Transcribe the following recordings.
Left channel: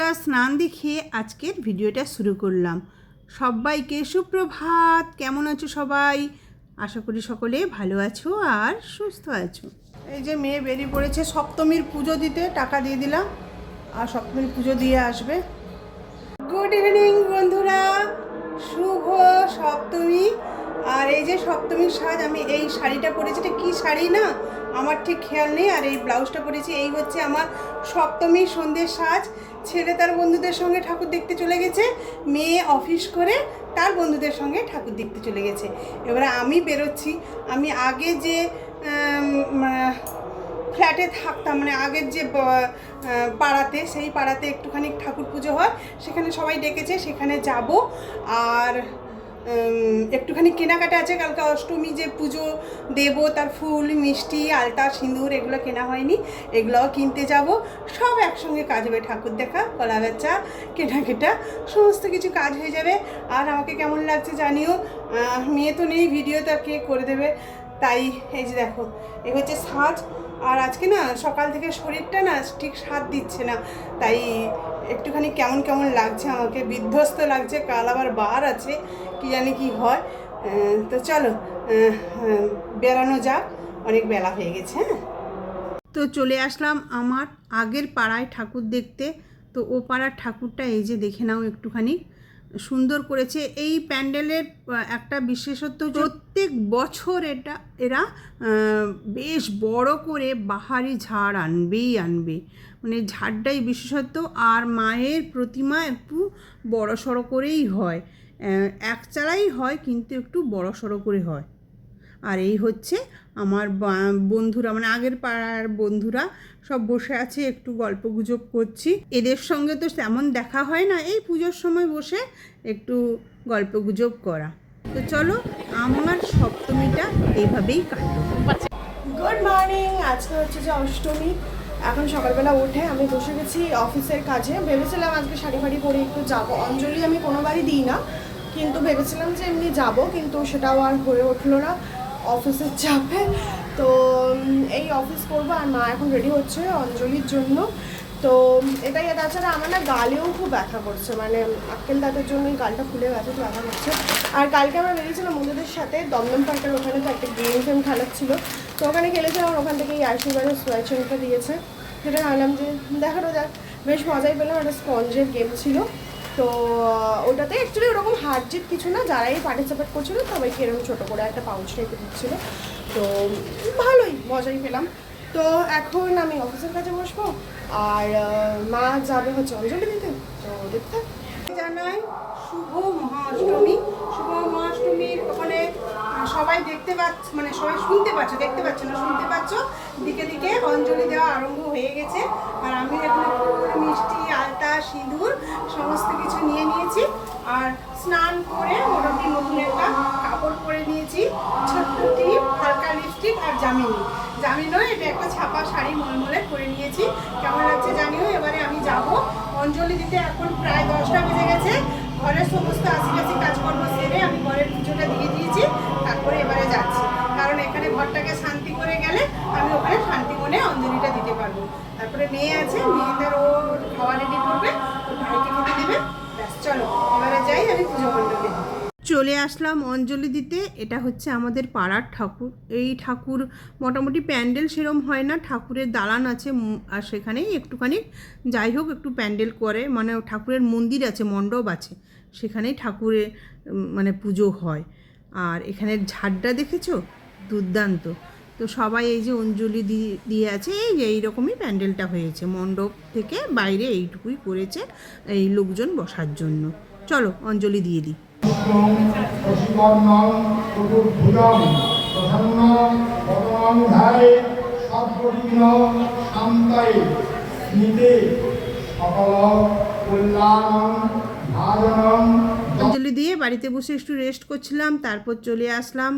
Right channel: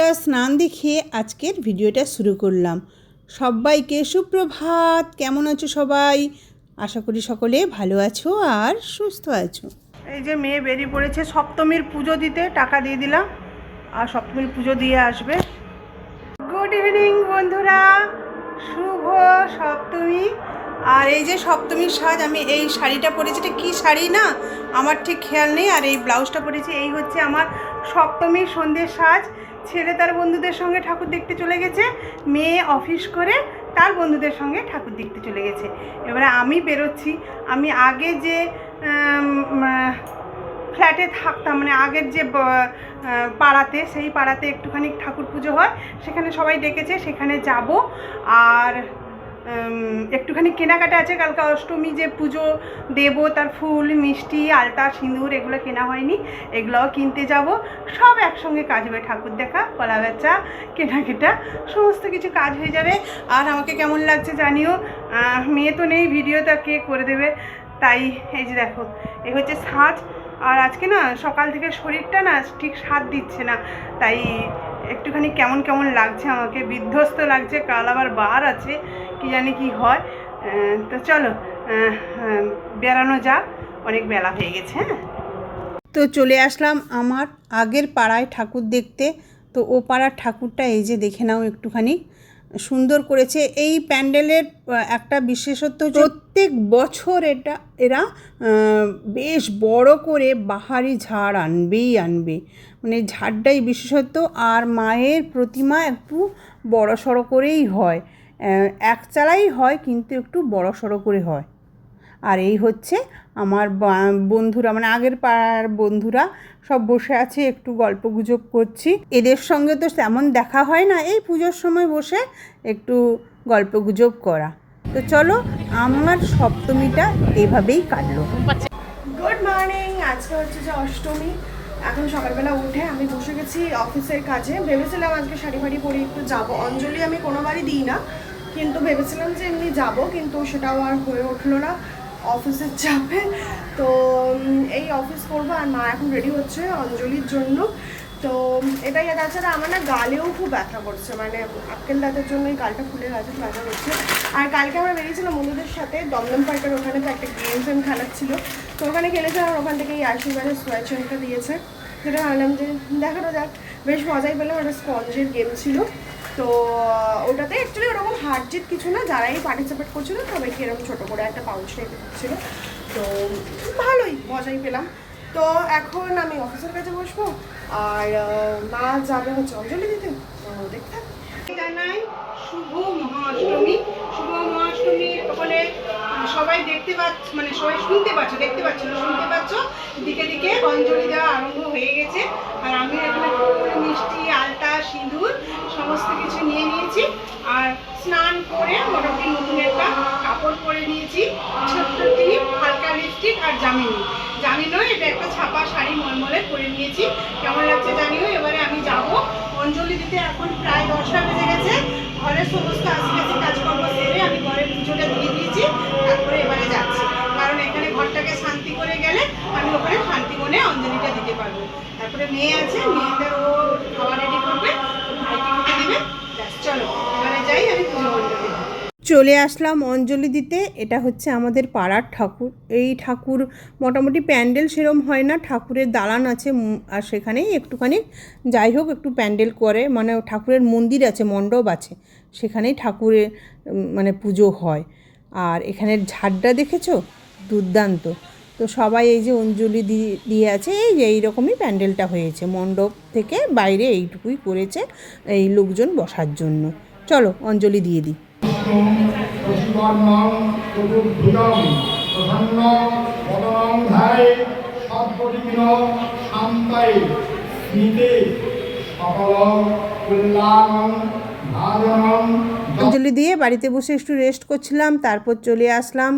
পরিষ্কার স্নান দেখিয়ে আজকের ভিডিওটা শুরু করলাম। সবাইকে সুপ্রভাত। কেমন আছো সবাই? আশা করি সকলে ভালো আছো আর সুস্থ আছো। এই যে মেয়ে বেরিয়ে পড়েছে সপ্তমীর পুজো দিতে, টাকা দিয়ে দিলাম আর সপ্তমীর পুজো দিয়ে আসবে। গুড ইভিনিং বন্ধুরা, শুভ সপ্তমী। আর এই যে সপ্তমীর সাজ, আমি এই শাড়িটা পরেছি, এটা কী শাড়ি না আমার ঠিক খেয়াল নেই, আর এই ব্লাউজটা পরেছি। এই হচ্ছে আমার সপ্তমীর সন্ধ্যের সাজ। ছেলে তার বন্ধুদের সঙ্গে ঠাকুর দেখতে চলে গেছে, মেয়ে অফিস করে তার বন্ধুদের সঙ্গে ঠাকুর দেখতে চলে গেছে। এবারে আমি বেরোচ্ছি। আমি আগে যে ফ্ল্যাটে থাকতাম, মানে আগের যে পাড়াতে, সেই পাড়াতে একটুখানি ঠাকুর পুজো হয়, সেখানে সবাই ডেকেছে, সেখানে যাব। আর একটুখানি কেনাকাটা আছে, কালকে অষ্টমী যে পুজো দেব, তার ফুল মিষ্টি আলতা সিঁদুর এগুলো কেনা হয়নি, এগুলোও কিনতে যাব। সব একসঙ্গে কাজ হবে, ঠাকুর দেখা, কলা বেচা, কেনাকাটা, সমস্ত কিছু কাজ হয়ে যাবে। আর আমাকে কেমন লাগছে জানিও। মেয়ে তো নেই, ভিডিওটা কে করে দেবে, তাই এই যে দেখো এই হচ্ছে সাজ। আর আজকে না সকাল থেকে শরীরটা না ঠিক সাথ দিচ্ছে না, তাই একটুখানি কেমন কেমন লাগছে, আমাকে বিধ্বস্ত লাগছে। কাল আবার বার আছে, কি জানি কি হয়। তো চলো বেড়ানো যাক, অনেক বেলা হয়ে গেছে। হ্যাঁ, তো চলে আসলাম আমার আগের পাড়ায় ঠাকুর দেখতে। তো ও পাড়ার ঠাকুরটা এই যে দেখে নাও, একটুখানি সুন্দর করেছে। এই প্যান্ডেলের একটা বিশেষত্ব, প্রত্যেক বছর এরা বেশ বড় করে বাহারি ঝাড় আনবে, মানে ঝাড়টাই বিশেষত্ব। আর মায়ের প্রতিমা একটু বড় সড়ো করেই হয়, এক চালাই হয় কিন্তু একটু বড় সড়ো করে হয়। আর এই হচ্ছে আমার বন্ধুরা, মানে আগের পাড়ার বন্ধুরা সব বসে আছে, একটু গল্প গুজব করছি। এদের সঙ্গে তো তেমন দেখা হয় না, এই পুজোর সময় বসে একটু গল্প গুজব করা। তো চলো, আমার সপ্তমীটা এইভাবেই কাটলো। Good morning. আজকে হচ্ছে যে অষ্টমী। এখন সকালবেলা উঠে আমি বসে গেছি অফিসের কাজে। ভেবেছিলাম আজকে শাড়ি ফাড়ি পরে একটু যাবো, অঞ্জলি আমি কোনোবারই দিই না, কিন্তু ভেবেছিলাম যে এমনি যাবো, কিন্তু সেটাও আর হয়ে উঠলো না অফিসের চাপে। তো এই অফিস করবো, আর মা এখন রেডি হচ্ছে অঞ্জলির জন্য। তো এটাই। তাছাড়া আমার না গালেও খুব ব্যথা করছে, মানে আক্কেল দাঁতের জন্য এই গালটা ফুলে গেছে, ব্যথা করছে। আর কালকে আমরা বেরিয়েছিলাম বন্ধুদের সাথে দমদম পার্কের ওখানে, তো একটা গেম খেলাচ্ছিল, তো ওখানে খেলেছিলাম। ওখান থেকে এই আশীর্বাদের সোয়াচনটা দিয়েছে, সেটা ভাবলাম যে দেখানো যাক, বেশ মজাই পেলাম। একটা স্পঞ্জের গেম ছিল, তো ওটাতে অ্যাকচুয়ালি ওরকম হার জিত কিছু না, যারাই পার্টিসিপেট করছিল সবাইকে এরকম ছোটো করে একটা পাউচ রেখে দিচ্ছিলো, তো ভালোই মজাই পেলাম। তো এখন আমি অফিসের কাছে বসবো, আর মা যাবে হচ্ছে অঞ্জলি দিতে, তো দেখতে জানাই শুভ মহাষ্টমী। শুভ মহাষ্টমী বলে সবাই দেখতে পাচ্ছ, মানে সবাই শুনতে পাচ্ছ, দেখতে পাচ্ছ না, শুনতে পাচ্ছ, দিকে দিকে অঞ্জলি দেওয়া আরম্ভ হয়ে গেছে। আর আমি এখানে ফুল মিষ্টি আলতা সিঁদুর সমস্ত কিছু নিয়ে নিয়েছি, আর স্নান করে মোটামুটি নতুন একটা কাপড় পরে নিয়েছি, ছোট্ট টিপ, হালকা লিপস্টিক আর জামিনও এটা একটা ছাপা শাড়ি মলমলে পরে নিয়েছি। কেমন লাগছে জানিও। এবারে আমি যাব অঞ্জলি দিতে। এখন প্রায় 10টা বেজে গেছে। ঘরের সমস্ত আশিপাশি কাজকর্ম সেরে আমি ঘরের পুজোটা দিয়ে দিয়েছি, তারপরে এবারে যাচ্ছি, কারণ এখানে ঘরটাকে শান্তি করে গেলে আমি ওখানে শান্তি মনে অঞ্জলিটা দিতে পারবো। তারপরে মেয়ে আছে, মেয়েদের ও খাওয়া রেডি করবে, ভাইকে খেতে দিবে, ব্যাস চলো এবারে যাই আমি পুজো মণ্ডপে। চলে আসলাম অঞ্জলি দিতে। এটা হচ্ছে আমাদের পাড়ার ঠাকুর। এই ঠাকুর মোটামুটি প্যান্ডেল সেরম হয় না, ঠাকুরের দালান আছে, আর সেখানেই একটুখানি যাই হোক একটু প্যান্ডেল করে, মানে ঠাকুরের মন্দির আছে, মণ্ডপ আছে, সেখানেই ঠাকুরের মানে পুজো হয়। আর এখানের ঝাড়টা দেখেছো, দুর্দান্ত। তো সবাই এই যে অঞ্জলি দিয়ে আছে, এইরকমই প্যান্ডেলটা হয়েছে, মণ্ডপ থেকে বাইরে এইটুকুই করেছে এই লোকজন বসার জন্য। চলো অঞ্জলি দিয়ে দিই। অঞ্জলি দিয়ে বাড়িতে বসে একটু রেস্ট করছিলাম, তারপর চলে আসলাম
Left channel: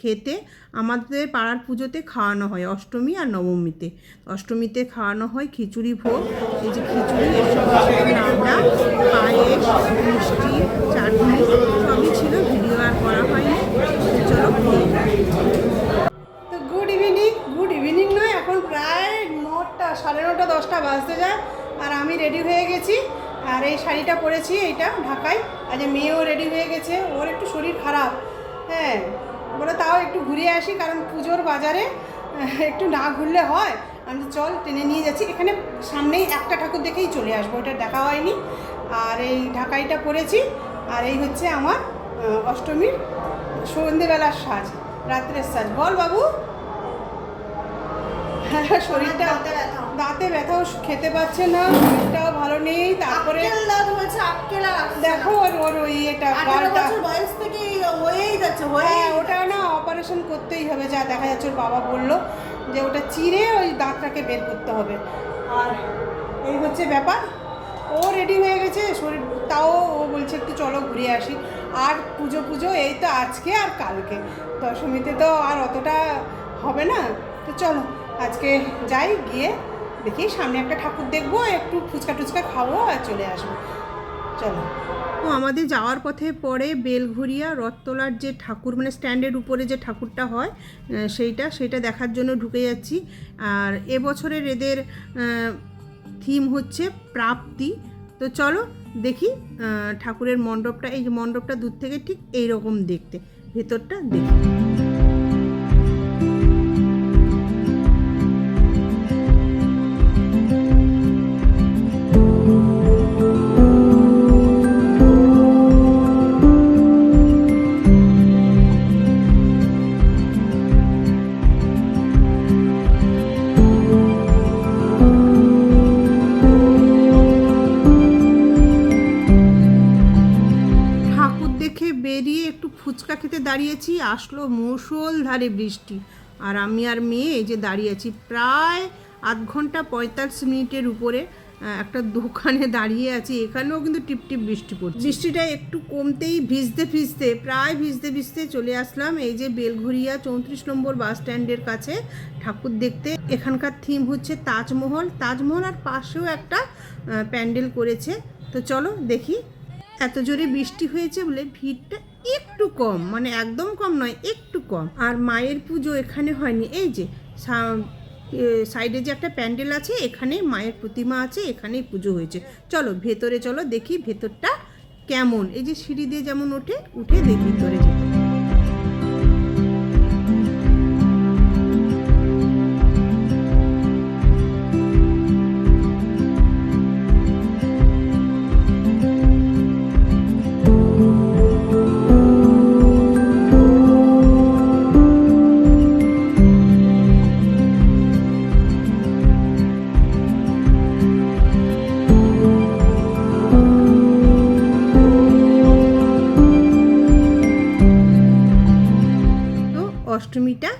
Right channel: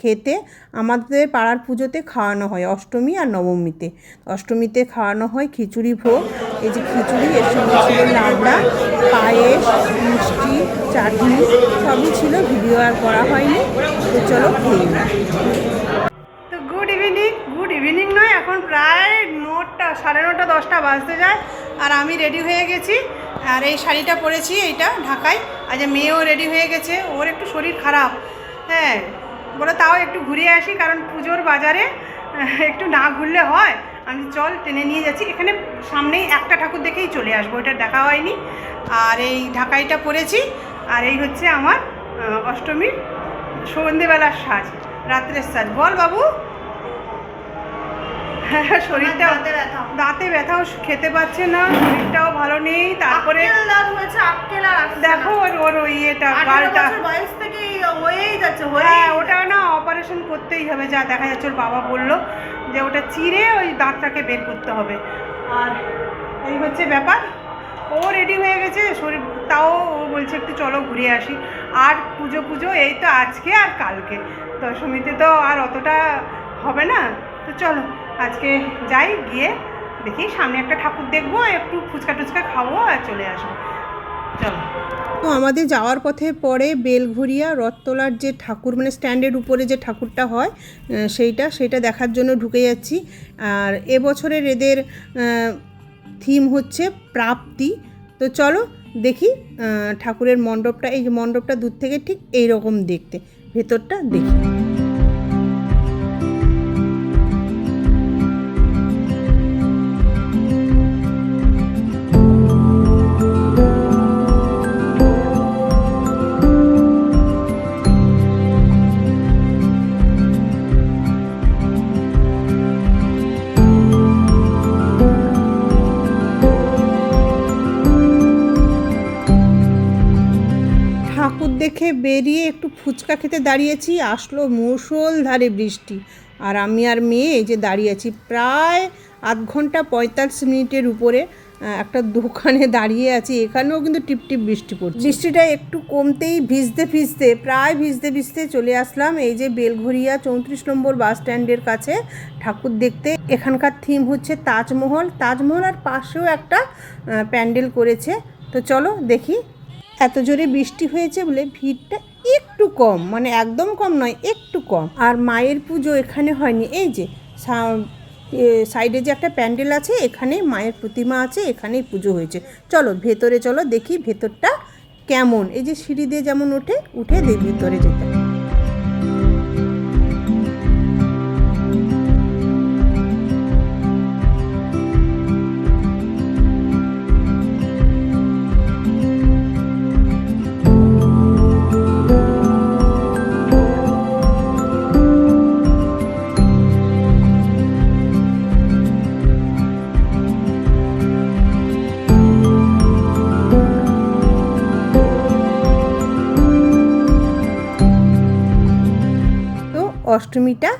খেতে। আমাদের পাড়ার পুজোতে খাওয়ানো হয় অষ্টমী আর নবমীতে। অষ্টমীতে খাওয়ানো হয় খিচুড়ি ভোগ। এই যে খিচুড়ি, এর সঙ্গে ছিল লাবড়া, পায়েস, মিষ্টি, চাটনি, সবই ছিল, ভিডিও আর করা হয়নি। তো চলো খেয়ে নিই। তো গুড ইভিনিং নয়, এখন প্রায় 9টা, 9:30, 10টা বাজতে যায়, আর আমি রেডি হয়ে গেছি। আর এই শাড়িটা পরেছি, এইটা ঢাকাই। আজ মেয়েও রেডি হয়ে গেছে, ওর একটু শরীর খারাপ, হ্যাঁ বলে তাও একটু ঘুরে আসি, কারণ পুজোর বাজারে একটু না ঘুরলে হয়। আমি চল টেনে নিয়ে যাচ্ছি, এখানে সামনেই একটা ঠাকুর দেখেই চলে আসবো, এটা দেখা হয়নি। আর এই ঢাকাইটা পরেছি, আর এই হচ্ছে আমার অষ্টমীর সন্ধ্যেবেলার সাজ, রাত্রের সাজ। বল বাবু। শরীরটা দাঁতে ব্যথাও, খেতে পাচ্ছে না, শরীরটাও ভালো নেই। তারপরে দেখো ওর ওই ইয়েটা গালটা, হ্যাঁ ওটা না অপারেশন করতেই হবে, যা দেখা যাচ্ছে। ওর বাবা বললো যে ওটা চিরে ওই দাঁতটাকে বের করতে হবে। আর এই হচ্ছে ব্যাপার, ও রেডি হয়ে গেছে শরীর, তাও ও বলছে একটু চলো ঘুরে আসি। আর পুজো এই তো আজকে আর কালকে, দশমীতে তো আর অতটা হবে না। তো চলো আজকে যাই, গিয়ে দেখি সামনে একটা ঠাকুর দেখবো, একটু ফুচকা টুচকা খাবো আর চলে আসবো। চলো। তো আমাদের যাওয়ার পথে পরে বেলঘরিয়া রথতলার যে ঠাকুর, মানে স্ট্যান্ডের উপরে যে ঠাকুরটা হয় সেইটা দেখার জন্য ঢুকে যাচ্ছি। আর এবছরের এদের থিম হচ্ছে প্রাপ্তি। তো চলো দেখি ঠাকুরের মণ্ডপটা, এই যে মণ্ডপটা দূর থেকে ঠিক এইরকম দেখতে, ভেতরটা দেখি। দেখে বেরিয়ে একটু ফুচকা খেতে দাঁড়িয়েছি, আসলো মুষলধারে বৃষ্টি। আর আমি আর মেয়ে এই যে দাঁড়িয়ে আছি প্রায় আধ ঘন্টা 45 মিনিটের উপরে একটা দোকানে দাঁড়িয়ে আছি। এখানেও কিন্তু টিপটিপ বৃষ্টি পড়ছে। বৃষ্টিটা একটু কমতেই প্রায় ভিজতে ভিজতে চলে আসলাম এই যে বেলঘরিয়া 34 নম্বর বাস স্ট্যান্ডের কাছে ঠাকুর দেখতে। এখানকার থিম হচ্ছে তাজমহল, আর পাশেও একটা প্যান্ডেল করেছে। তো চলো দেখি। এত জোরে বৃষ্টি হয়েছে বলে ভিড়টা একটু কম, মানে একদম কম নয়, একটু কম। আর মায়ের পুজো এখানে হয়নি, এই যে সাইডে যে একটা প্যান্ডেল আছে, এখানে মায়ের প্রতিমা আছে, এখানেই পুজো হয়েছে। চলো ভেতরে চলো দেখি ভেতরটা কেমন। এই যে সিঁড়ি দিয়ে যেমন উঠে ভিতরে যেতে। অষ্টমীটা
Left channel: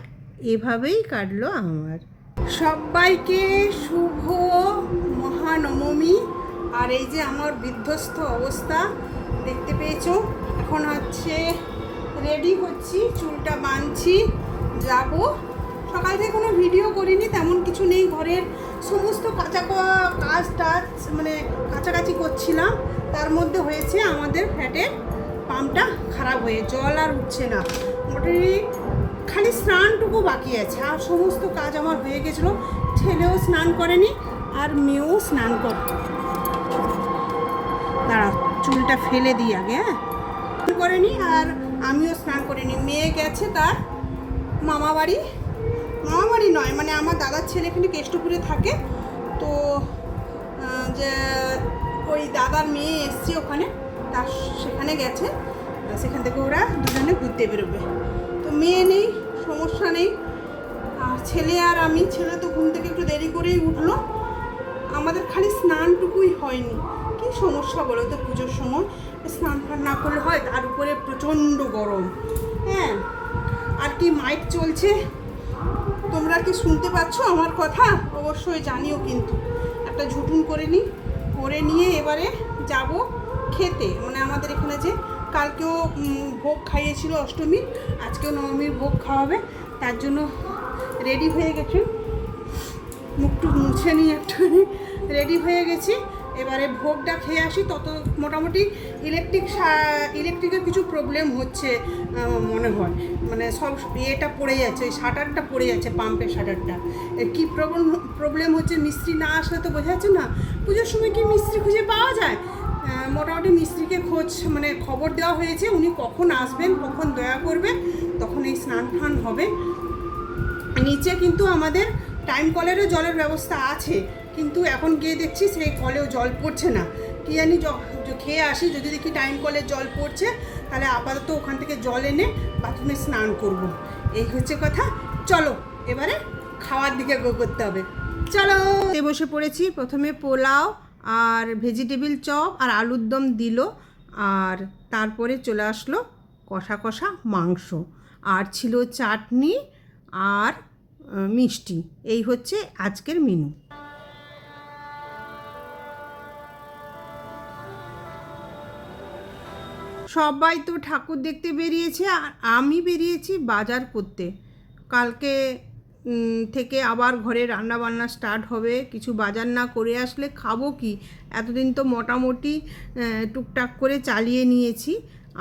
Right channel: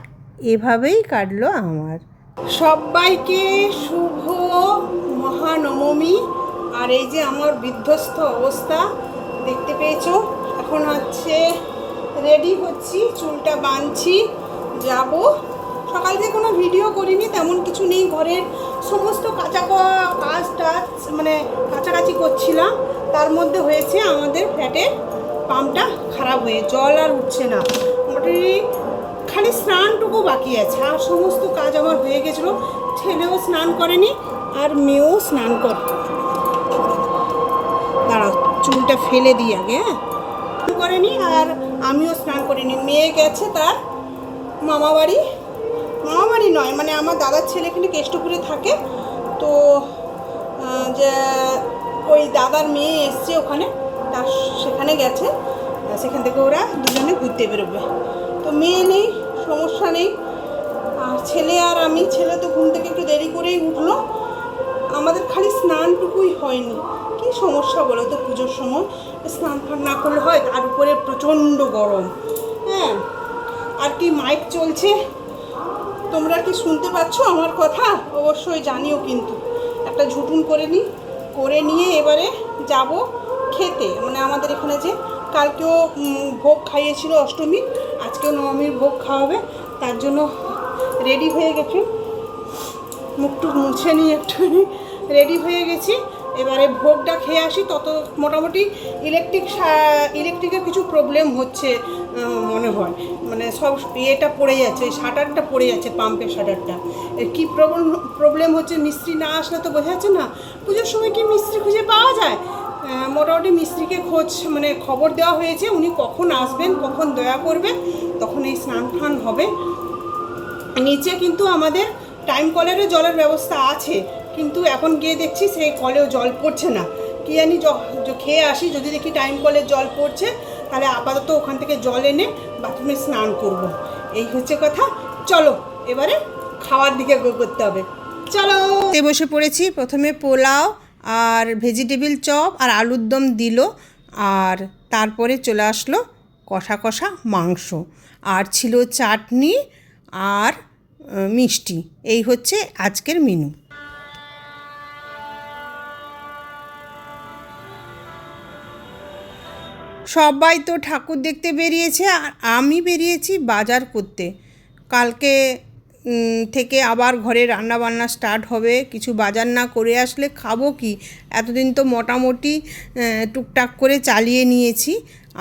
এভাবেই কাটলো আমার। সবাইকে শুভ মহানবমী। আর এই যে আমার বিধ্বস্ত অবস্থা দেখতে পেয়েছো, এখন হচ্ছে রেডি হচ্ছি, চুলটা বাঁধছি, যাব। সকাল থেকে কোনো ভিডিও করিনি, তেমন কিছু নেই, ঘরের সমস্ত কাজ টাজ মানে কাছাকাছি করছিলাম। তার মধ্যে হয়েছে আমাদের ফ্ল্যাটের পাম্পটা খারাপ হয়ে জল আর উঠছে না। মোটামুটি খালি স্নানটুকু বাকি আছে, আর সমস্ত কাজ আমার হয়ে গেছিলো। ছেলেও স্নান করেনি আর মেয়েও স্নান দাঁড়াও চুলটা ফেলে দিই আগে, হ্যাঁ করেনি, আর আমিও স্নান করিনি। মেয়ে গেছে তার মামা বাড়ি নয়, মানে আমার দাদার ছেলে এখানে কেষ্টপুরে থাকে। তো যে ওই দাদার মেয়ে এসছে ওখানে, তার সেখানে গেছে, সেখান থেকে ওরা দুজনে ঘুরতে বেরোবে। তো মেয়ে নেই, সমস্যা নেই। আর ছেলে আর আমি, ছেলে তো ঘুম থেকে একটু দেরি করেই উঠলো। আমাদের খালি স্নানটুকুই হয়নি। কী সমস্যা বলো তো, পুজোর সময় স্নান ফান না করলে হয়, তার উপরে প্রচণ্ড গরম। হ্যাঁ, আর কি মাইক চলছে, তোমরা কি শুনতে পাচ্ছ আমার কথা? অবশ্যই জানিও। কিন্তু একটা ঝুটুন করে নিয়ে এবারে যাব খেতে। মানে আমাদের এখানে যে কালকেও ভোগ খাইয়েছিল অষ্টমী, আজকেও নবমীর ভোগ খাওয়াবে, তার জন্য রেডি হয়ে গেছি। মুখটুক মুছে নিয়ে একটুখানি রেডি হয়ে গেছি। এবারে ভোগটা খেয়ে আসি। তত মোটামুটি ইলেকট্রিকের কিছু প্রবলেম হচ্ছে মনে হয়, মানে সব ইয়েটা পড়ে যাচ্ছে, শাটারটা পড়ে যাচ্ছে, পাম্পের শাটারটা। কী প্রবলেম হচ্ছে মিস্ত্রি না আসলে তো বোঝা যাচ্ছে না। পুজোর সময় কি মিস্ত্রি খুঁজে পাওয়া যায়? মোটামুটি মিস্ত্রিকে খবর দেওয়া হয়েছে, উনি কখন আসবেন, কখন দয়া করবে, তখন এই স্নান টান হবে। নিচে কিন্তু আমাদের টাইম কলেরও জলের ব্যবস্থা আছে, কিন্তু এখন গিয়ে দেখছি সেই কলেও জল পড়ছে না। কি জানি, খেয়ে আসি, যদি দেখি টাইম কলের জল পড়ছে তাহলে আপাতত ওখান থেকে জল এনে বাথরুমে স্নান করব। এই হচ্ছে কথা। চলো এবারে খাওয়ার দিকে করতে হবে, চলো। বসে পড়েছি। প্রথমে পোলাও আর ভেজিটেবিল চপ আর আলুর দম দিল, আর তারপরে চলে আসলো কষা কষা মাংস, আর ছিল চাটনি আর মিষ্টি। এই হচ্ছে আজকের মেনু। সবাই তো ঠাকুর দেখতে বেরিয়েছে, আর আমি বেরিয়েছি বাজার করতে। কালকে থেকে আবার ঘরে রান্নাবান্না স্টার্ট হবে। কিছু বাজার না করে আসলে খাবো কি? এতদিন তো মোটামুটি টুকটাক করে চালিয়ে নিয়েছি।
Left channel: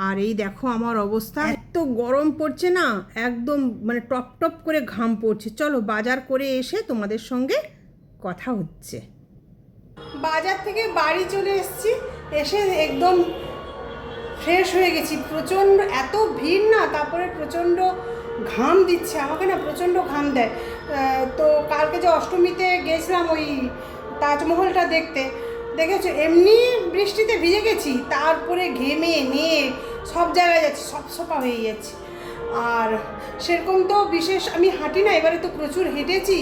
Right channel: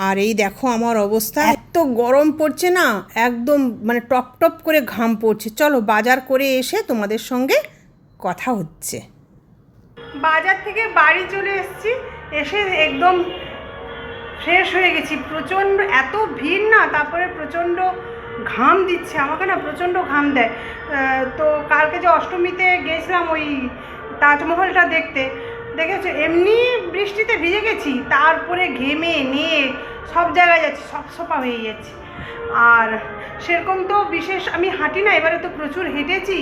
আর এই দেখো আমার অবস্থা, এত গরম পড়ছে না, একদম মানে টপ টপ করে ঘাম পড়ছে। চলো বাজার করে এসে তোমাদের সঙ্গে কথা হচ্ছে। বাজার থেকে বাড়ি চলে এসেছি, এসে একদম ফ্রেশ হয়ে গেছি। প্রচণ্ড এত ভিড় না, তারপরে প্রচণ্ড ঘাম দিচ্ছে আমাকে, না প্রচণ্ড ঘাম দেয়। তো কালকে যে অষ্টমীতে গেছিলাম ওই তাজমহলটা দেখতে, দেখেছো এমনি বৃষ্টিতে ভিজে গেছি, তারপরে ঘেমে নিয়ে সব জায়গায় যাচ্ছি, সব সোপা হয়ে যাচ্ছে। আর সেরকম তো বিশেষ আমি হাঁটি না, এবারে তো প্রচুর হেঁটেছি,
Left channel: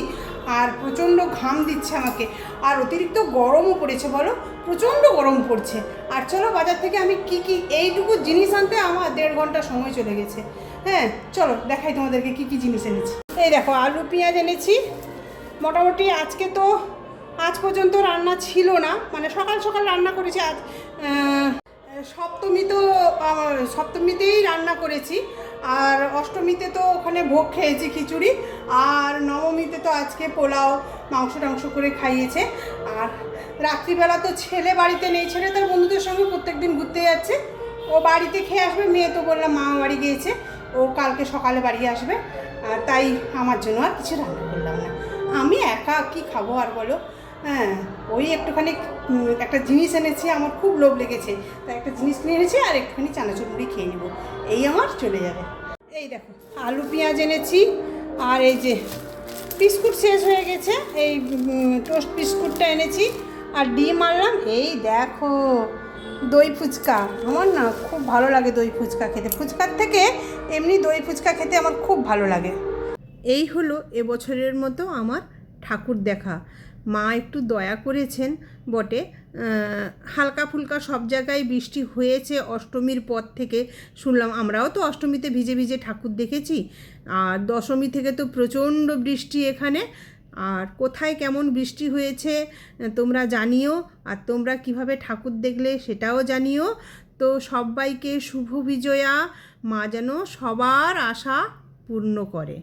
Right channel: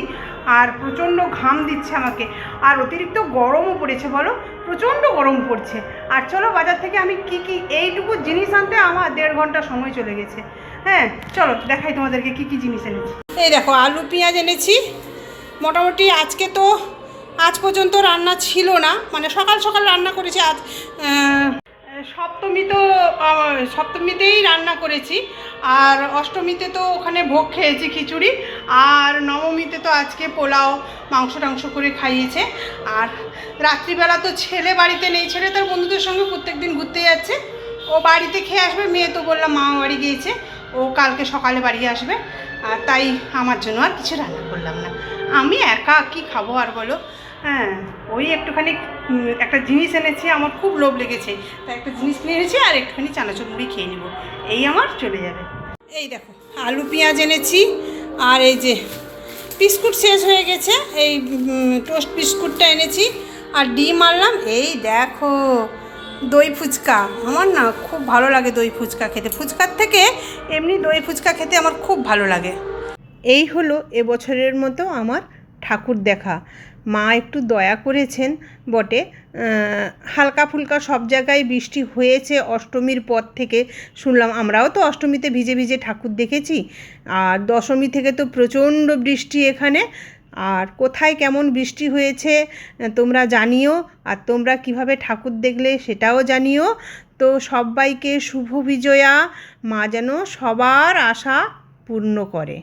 আর প্রচণ্ড ঘাম দিচ্ছে আমাকে, আর অতিরিক্ত গরমও পড়েছে, বলো প্রচণ্ড গরম পড়ছে। আর চলো বাজার থেকে আমি কি এইটুকু জিনিস আনতে আমার 1.5 ঘন্টা সময় চলে গেছে। হ্যাঁ চলো দেখাই তোমাদেরকে কি জিনিস এনেছি। এই দেখো আলু পেঁয়াজ এনেছি। মোটামুটি আজ পর্যন্ত রান্না ছিল না, মানে সকাল সকাল রান্না করেছি। আজ সপ্তমীতেই রান্না করেছি, আর অষ্টমীতে তো ওখানে ভোগ খেয়েছি খিচুড়ি, আর নবমীতে তো আজকে পোলাও মাংস টাংস করে খাইয়েছে। আর রাত্রিবেলা তো ছেলে বাড়িতে নেই, ছেলে তার বন্ধুদের সঙ্গে প্রত্যেক দিন ঘুরতে যাচ্ছে, ও বাড়িতে খেয়ে আসবে। মেয়ে তো বললাম মামা বাড়ি গিয়েছে, ও কালকে সকালে বাড়ি আসবে, আর তাই আমার জন্য আর কিছু রান্না করলাম না। আমি একা কি খাবো আর বলো। হ্যাঁ ওই একটুখানি একটা জিনিস এনেছি, আমার খুব লোভ লেগেছে, তাই একটা জিনিস কিনে এনেছি, আর একটুখানি চানাচুর মুড়ি খেয়ে নেবো, এই আমার চলে যাবে। এই দেখো আলু পেঁয়াজ এনেছি, আর এই যে বিস্কুট শেষ হয়ে গেছে, এই টোস্ট বিস্কুটটা এনেছি, আর ডিম আনলাম। এই দেখো দই ফুচকা, আমার না খুব ভালো লাগে দই ফুচকা খেতে, ফুচকার থেকে এমনি দই ফুচকা খেতে আমার খুব ভালো লাগে। এই হলো এবছরের মতো আমার ঠাকুর দেখা। মা একটু দয়া করেছেন বটে, হালকা ফুলকা সব জায়গায় বৃষ্টি হয়েছে অষ্টমীর পর থেকে শুনলাম। আমরাও তো অষ্টমীতে ভিজে ভিজে ঠাকুর দেখেছি, আর দশমী থেকে তো প্রচণ্ড বৃষ্টি এখানে। আর কোথায় কেমন বৃষ্টি হয়েছে তোমরা জানিও, আর তোমরা কিভাবে ঠাকুর দেখলে সেটাও জানিও। তো সবাইকে শুভ বিজয়া, মা যেন সবার আশা পূর্ণ করে।